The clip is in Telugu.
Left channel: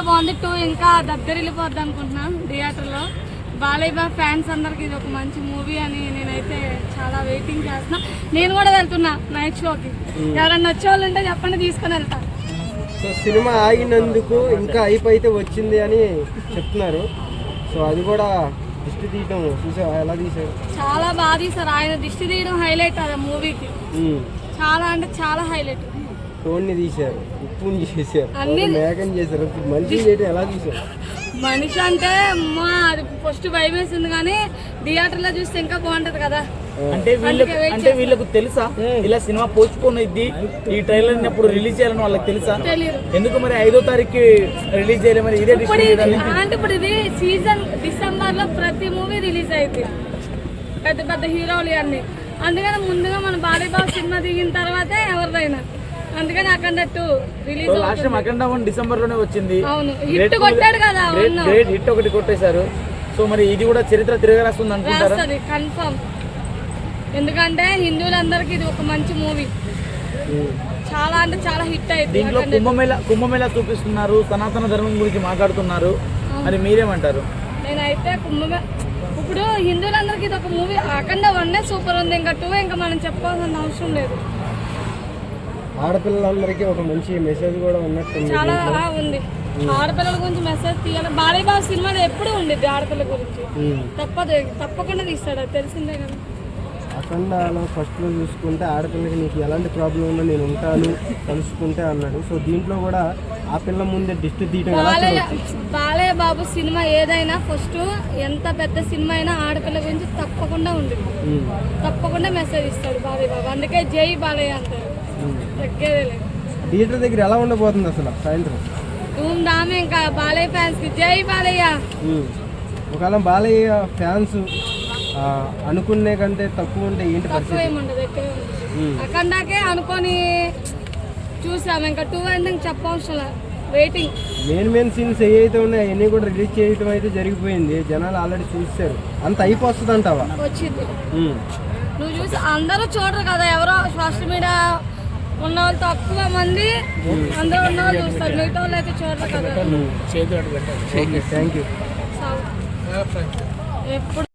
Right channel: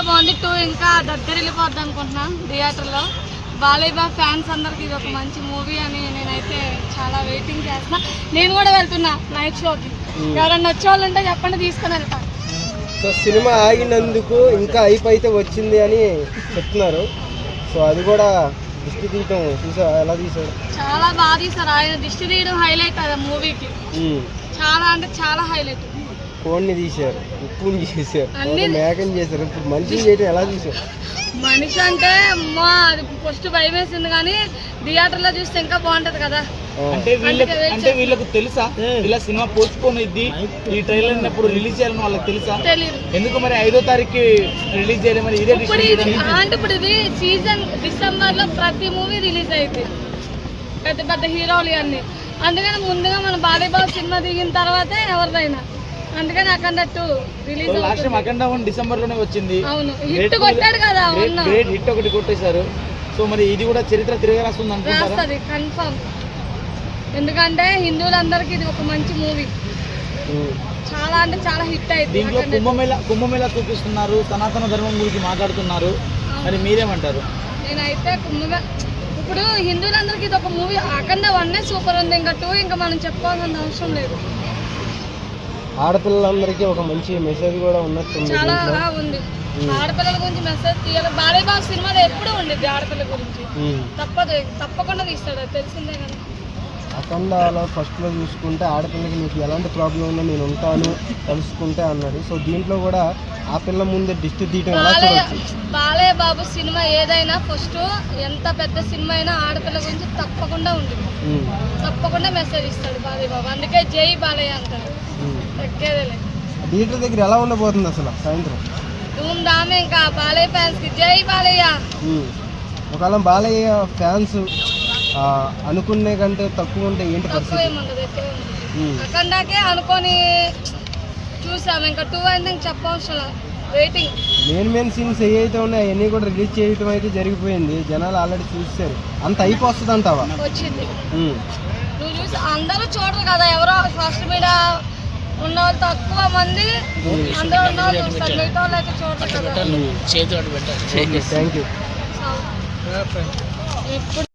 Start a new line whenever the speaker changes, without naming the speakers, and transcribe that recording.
చాలా బాగుంది. టూ ఇంకా దద్దరిల్లిపోద్ది అనుకుంటున్నా థియేటర్లో. బాలేబా ఫ్యాన్స్ అందరికి ఇది ఒక మంచి మూవీ అని నేనైతే చాలా వెయిటింగ్ చేస్తున్నా. నేను కూడా వెళ్తున్నా నైట్ షోకి. ఎవరన్నా వచ్చే వాళ్ళు ఉంటే చెప్పండి తీసుకొని వెళ్తా.
సో సినిమా ఆగినందుకు ఇంకా హైప్ అయితే వచ్చింది అని చెప్తున్నారు. సో అది కూడా దృష్టి తీయటం చూసా ఎలా తీసారు
చాలా బాగా తీసారు ఆయన దిష్టి తీయడం హైలైట్ అది మూవీకి. చాలా అంటే చాలా హైలైట్
కోడిని తీశారు ఉప్పుని చేశారు మేకని చేశారు. ఇప్పుడు మనిషిని చేయటం ఎలా తీశారు
మనిషి అంటే అమ్మా అది ఫస్ట్ భయం వేసింది కానీ థియేటర్లో చూస్తే ఇంకా బాగుంటది కదా.
అంటే వీళ్ళకి అంటే వీళ్ళకు తెలుసా? ఇలా సినిమా పోస్ట్పోన్ అయింది ఈ ట్రైలర్ అప్పుడు రిలీజ్ చేయాలని వాళ్ళకి తెలుసా?
తెలియదు
ఎందుకు మరి ఐదో తారీఖు రిలీజ్
ఇప్పుడు
డిసిషన్
ఇది అంటే ఇప్పుడు ఇది సీజన్ డిసెంబర్లో ప్రతి మూవీ రిలీజ్ అయింది పెద్ద పెద్ద హీరోలు అన్ని అందుకని ముందుగా మన బాలీబాబు సినిమా దిగిన తర్వాతే ఎవరిదైనా. అందుకని అక్కడ two release
last time Akhanda one డిసెంబర్లోనే వచ్చింది.
అవును హిట్ కొట్టాడు కదా
గ్రేట్ హిట్ ఒకటి కొట్టేశారు. సో మరి ఇది కూడా చరిత్ర తిరగరాస్తుంది అనుకుంటారా?
రాస్తుంది కన్ఫర్మ్ ఎందుకంటే హిందువులందరికీ ఇది ఒక మంచి మూవీ
ఉమ్.
చాలా అంటే చాలా హిట్ అయింది
దీంట్లో కుంభమేళ కుంభమేళ చూపిస్తున్నారు సనాతన ధర్మం గురించి మాట్లాడుతున్నారు. మరి మీరేమంటారు?
నేనైతే కుంభమే ఇప్పుడు హిందువులందరికీ ఇది ఒక మూవీ అఖండ వన్ సూపర్ ఉంది ఇంకా టూ ఇంకా మనం చెప్పుకోవాల్సిన అవసరం లేదు.
ఆడపిల్లలందరికీ ఒక మంచి మెసేజ్ కూడా ఉన్నట్టుంది
చాలా ఉంది. ఆడపిల్లల గురించి మెసేజ్ తీయాలి. బాలీబాబు సినిమాలో ఎప్పుడు ఉండిద్ది ఆడపిల్ల గురించి. తప్పదు తప్పకుండా తీస్తాడు అది తెలిసిందే కదా.
అఖండాలో ఫస్ట్లో చూసుకుంటే ఆడపిల్లకి నీకు ఎలాంటి ప్రాబ్లం ఉన్నా నేను ఉంటాను కలుసుకుంటే అన్నాడు. సో దీంట్లో కూడా ఆ పిల్ల ముందే దిష్టి తీయటం
బాలయ్య బాలయ్య బాబు సినిమా ఏదైనా ఫస్ట్ ఎంత పెద్ద సినిమా అయినా ఆడపిల్ల గురించి తప్పకుండా ఉంది. తప్పకుండా మెసేజ్ ఇస్తాడు బాలయ్య బాబు. అందుకే జై బాలయ్య అంటారు.
థియేటర్ దగ్గర ఎలా ఉండబోతుంది అసలు సాయంత్రం?
ధూమ్ ధామే ఇంకా బాలయ్య ఫ్యాన్స్కి జై బాలయ్య.
ఒకవేళ బాలయ్య ఫ్యాన్స్ అనుకునే కంటే తక్కువ ఉంటే ఏంటి
తక్కువ ఏముండదు. అక్కడాకే అనుకొని చూసాం. ఇంకా టూ ఇంక చెప్పవసరం వెయిటింగ్.
మెయిన్ మెయిన్ సీన్స్ ఏవైతే ఉన్నాయో అవన్నీ కూడా రిలీజ్ చేయటం అయితే జరిగిపోయింది. జనాలు ఆల్రెడీ చూస్తారు అంత అయిపోతుంది అంటావా
వచ్చింది. నువ్వు చూసి అందరూ చూడరు కదా ఎవరో సోషల్ మీడియా ఉన్న వాళ్ళు తక్కువ మంది అందరూ ఉన్న వాళ్ళు చూస్తారు మిగతా వాళ్ళు అయితే సో, ఎప్పుడు